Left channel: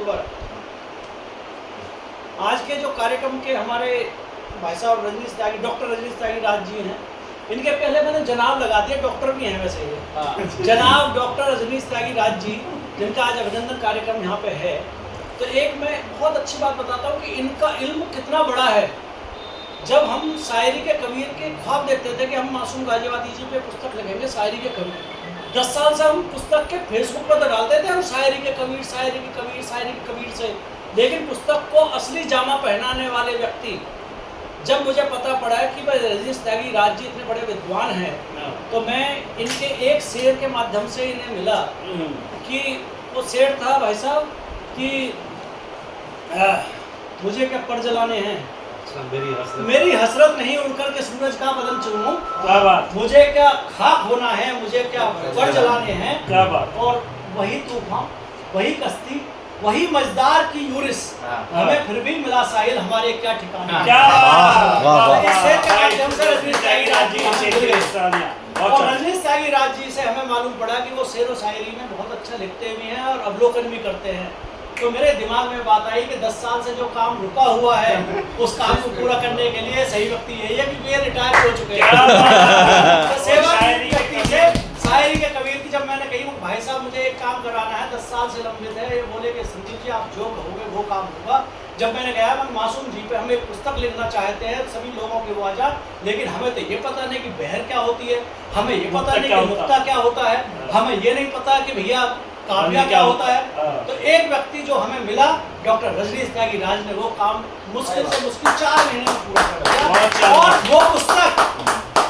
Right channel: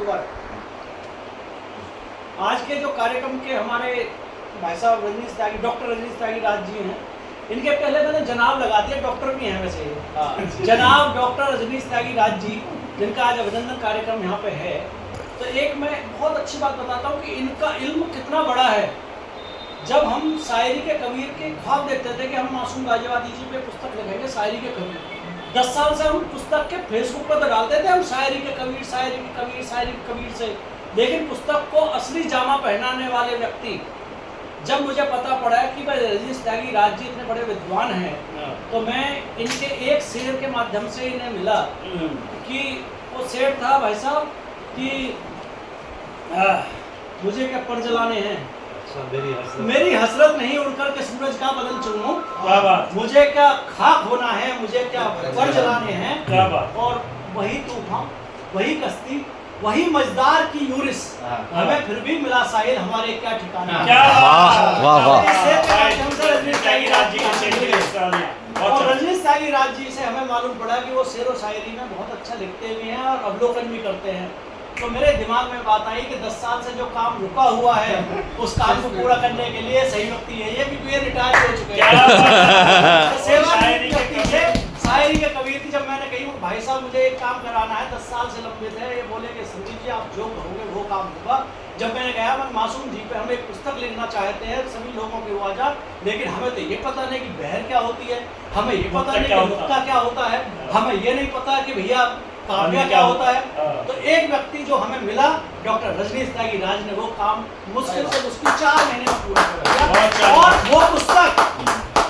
दोबारा आज के जो कार्यक्रम के हमारे भाई साहब रजनीश त्यागी, डॉक्टर रजनीश त्यागी राज जी हैं, इनके पहले मैंने जनाब लगा दिया, डॉक्टर भी हैं वैसे ये। जनाब डॉक्टर रजनीश त्यागी राज जी, जिनका आज अभिनंदन कार्यक्रम यहाँ पे है। तो एक मैं बहुत अच्छी बात बताता हूँ कि इनका इल्म कितना बड़ा है। जब हम शायरी के कबीर के ख्वाब देखते थे कि हम मासूम गाजियाबादी जी पे पुस्तक लिखेंगे शायरी के कबीर, 10 साल से हम पुस्तक के फेसबुक पर डालते थे हम शायरी के कबीर, शायरी के कबीर, शायरी के कबीर से। लेकिन पुस्तक को असली जामा पहनाने वाले व्यक्ति, जब मुझे पता पड़ा कि भाई रजनीश त्यागी राज जी इतने बड़े विद्वान हैं, तो मैं इनके एक शेर के माध्यम से इन्हें मिला कि वो शेर था भाई साहब कि मुझे क्या पर जलाने हैं, मेरी हसरत नहीं उड़कर के सूरज का बदन चूमूं, क्या बात, मुझे क्या खाक होना है, मुझे क्या पर जलाने हैं, क्या बात। और वही तूफान, वही कश्ती, वही मजदार की यूरिस, हमें फिर भी मिला साहिल, हमारे क्या ठिकाने। और रजनीश त्यागी राज जी से हमें मालूम पड़ा कि वो शेर व शायरी में बहुत अच्छा लिखते भी हैं और अवलोकन भी करते हैं। तो मेरे दिमाग में बात आई कि 10 साल से जो काम रुका हुआ है उस काम को पूरा करने के लिए सही व्यक्ति है ये, कि वे रिटायर हो चुके हैं। सेवा शायरी के कबीर थी। जब मैंने कही भाई साहब मुझे एक काम कराना है, 10 साल से लंबित है, ये बोले कि संदीप जी आप जो कहोगे वो काम होगा। जब मैंने कहा मैं मासूम जी पे हम एक पुस्तक लिखना चाहते हैं सभी लोगों के वो आजाद, लेकिन हमें तो ये पता नहीं कि बहर क्या होती है, हमें ये पता नहीं कि नुक्ता क्या होता है, हमें ये नहीं पता कि भैया काव्य क्या होता है। तो एक व्यक्ति जो हमें मिला डॉक्टर रजनीश त्यागी राज ने वो काम मुश्किल से मुश्किल 4 महीने में पूरा किया। और वो पुस्तक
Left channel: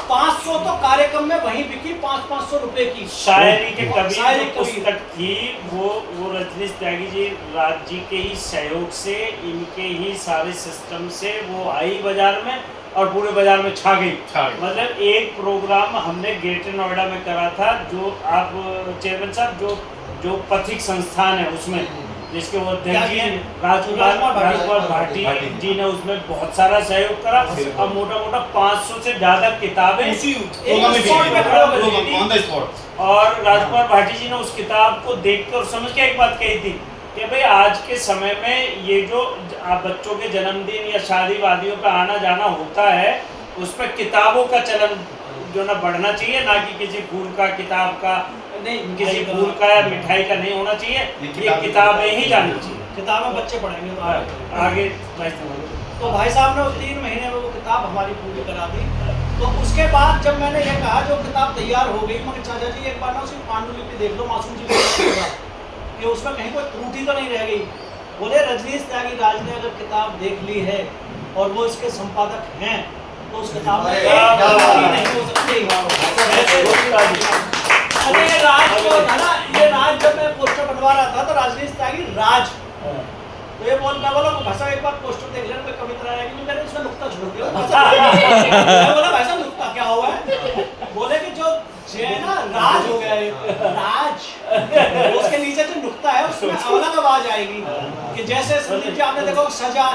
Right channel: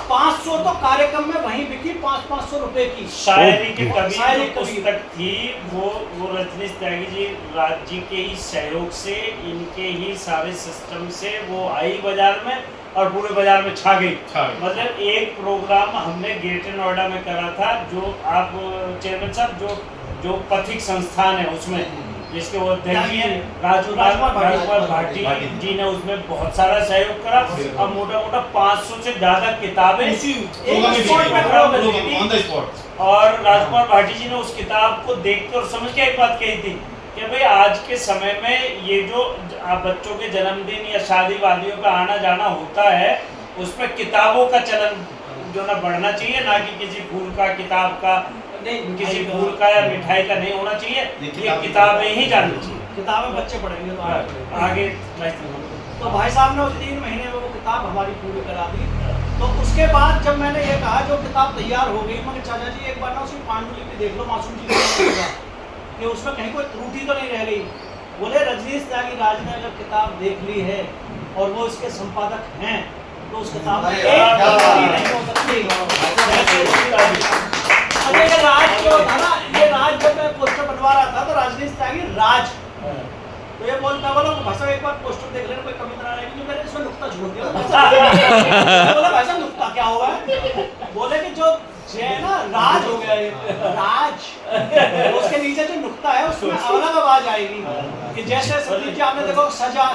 500 तो कार्यक्रम में वहीं बिकी, 500 रुपए की शायरी के कबीर पुस्तक थी। वो रजनीश त्यागी जी राज जी के ही सहयोग से, इनके ही सारे सिस्टम से वो आई बाजार में और पूरे बाजार में छा गई। मतलब एक प्रोग्राम हमने ग्रेटर नोएडा में करा था, जो आप चेयरमैन साहब जो पथिक संस्थान है उसमें, जिसके वो अध्यक्ष हैं राजकुमार भाटी जी ने उसमें बहुत सारा सहयोग करा और मोटा 500 से ज्यादा किताबें और राजकुमार भाटी जी ने उस किताब को देख कर और समझ के एक बात कही थी कि भाई आज के समय में ये जो बच्चों के जन्मदिन या शादी वादियों पे आना जाना होता है, उसमें किताबों का चलन जो ना बढ़ना चाहिए, ना कि किसी फूल का, किताब का नहीं, किसी फूल का या मिठाई का नहीं होना चाहिए, ये किताबें ही जानी चाहिए। किताबें बच्चे पढ़ेंगे तो आगे। तो भाई साहब ने 3 महीने में वो किताब हमारी पूरी करा दी। तो उसके बाद जब मैंने ये कहा जो किताब तैयार हो गई, मगर चाचा जी एक बार ना उसकी पांडुलिपि देख लो मासूम जी कि उसमें कहीं कोई त्रुटि तो नहीं रह गई। बोले रजनीश त्यागी राज ने अगर किताब देख ली है और वो इसके संपादक हैं तो उस किताब में नहीं हो सकती। अरे ये राज जो था ना, ये राज जब मैं पोस्टर बनवा रहा था तो रजनीश त्यागी राज, तो ये बोला भाषा एक बार पोस्टर देख लेना कोई कविता रहेगी नहीं, मैंने इसमें नुक्ता छोड़ दिया। बोला भाई साहब नुक्ता क्या हुआ है? बोले कि जो है ना राज हो गया, राज उसके नीचे जो नुक्ता है उसमें अलग आवाज आएगी कि जैसे संदीप जी आपने देखो सजा